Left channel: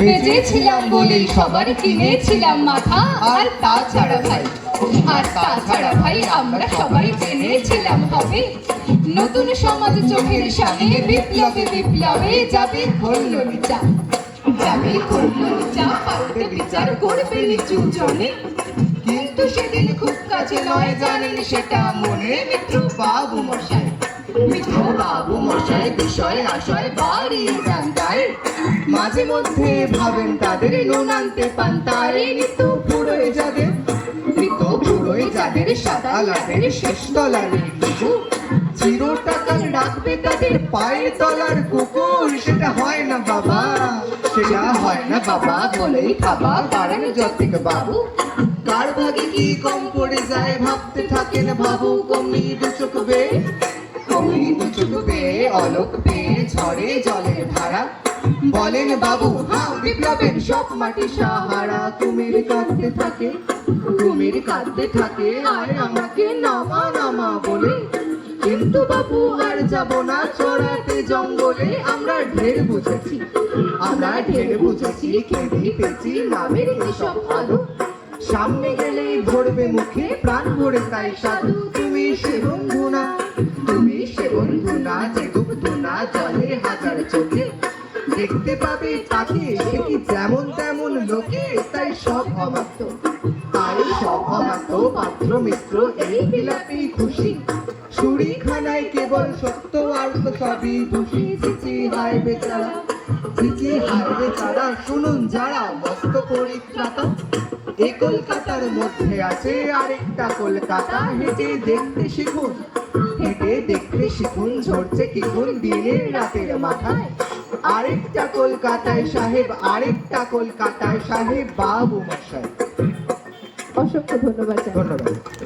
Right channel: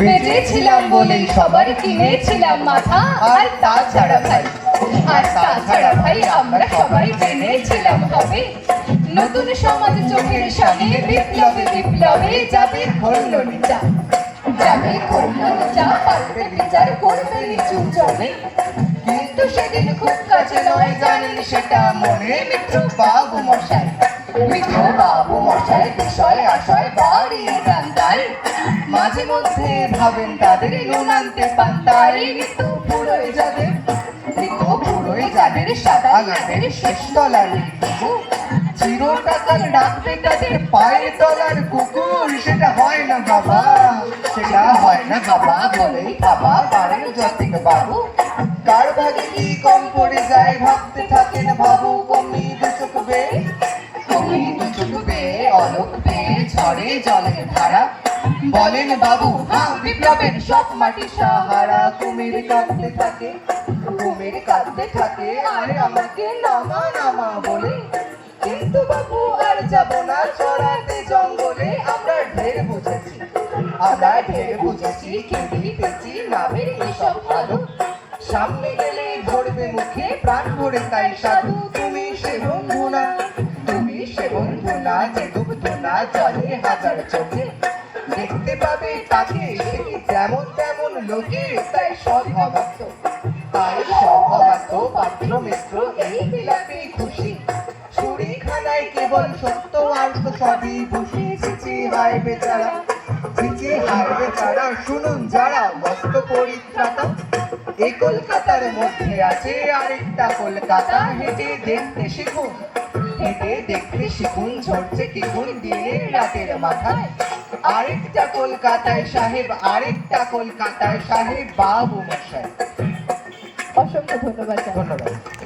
বেঁচেছিলাম বলেই সবার কিনেছিলাম মাথা। আর তাছাড়া ভাই আমরা সবাই জেনেছিলাম হবে নতুন সমাজ চোখের সামনে বিপ্লবে যাবে করল নিচা পাল্টে বিচার করবে নিচু জনে। কিন্তু সেদিন খুব কাছে নয় জানেন সেটা মনে মিত্র বাবু মশাই বিষয় আশয় বাড়িয়ে যান তাই। মাঝে মধ্যে ভাবেন তাদের নুন আনতে পান্তায়। ঋতু ফুরোয় যাদের সাদা ল্যাবের শেষ তলার চিরটাকাল ডাকবে তাদের পায়ের তলার কুকুর। সেটা হয় না বাবা বলেই ভাবা পারেন যতিক বাবু। কার ভাগে কি কম পড়ে যায় ভাবতে থাকেন বাবু। কমনি দু চোখ বেয়ে অলোক পেয়ে ঝড়ে জলের ধারা। বলেন বাবু বিপ্লবের সব মাটি সাহারা। কুমির কাঁদতে থাকে আর আমাকে নামা বলে। কিন্তু বাবু আর যাব না চড়াতে জঙ্গলে। আমরা ঢের বুঝেছি কেঁদে পেয়েছি নামের এসব ভালো। সামনে গেলে ধরবে মুখে প্রাণ ভরে তাই সাধু। তুমি সে বন্ধু না যে ডুবতো না জলে হাজার চোখে। দেখতে পাবে তাকে সে কি যেমন তেমন লোকে। তাই সব অবাধ্য পাত্র মিত্র এই বিলাপেই খুশি। ছুরিখানায় কেবল সত্য আর তো সবই বসে। চিচি হায় বেচারা শুনুন যারা মস্ত পরিত্রাতা। এই কলকাতার মধ্যে আছে আরেকটা কলকাতা। হেঁটে দেখতে শিখুন ঝরছে কিগুন দিনের রাতের মাথায়। আরেকটা কলকাতায় সাহেব বাবু মশাই। অসংখ্য ধন্যবাদ।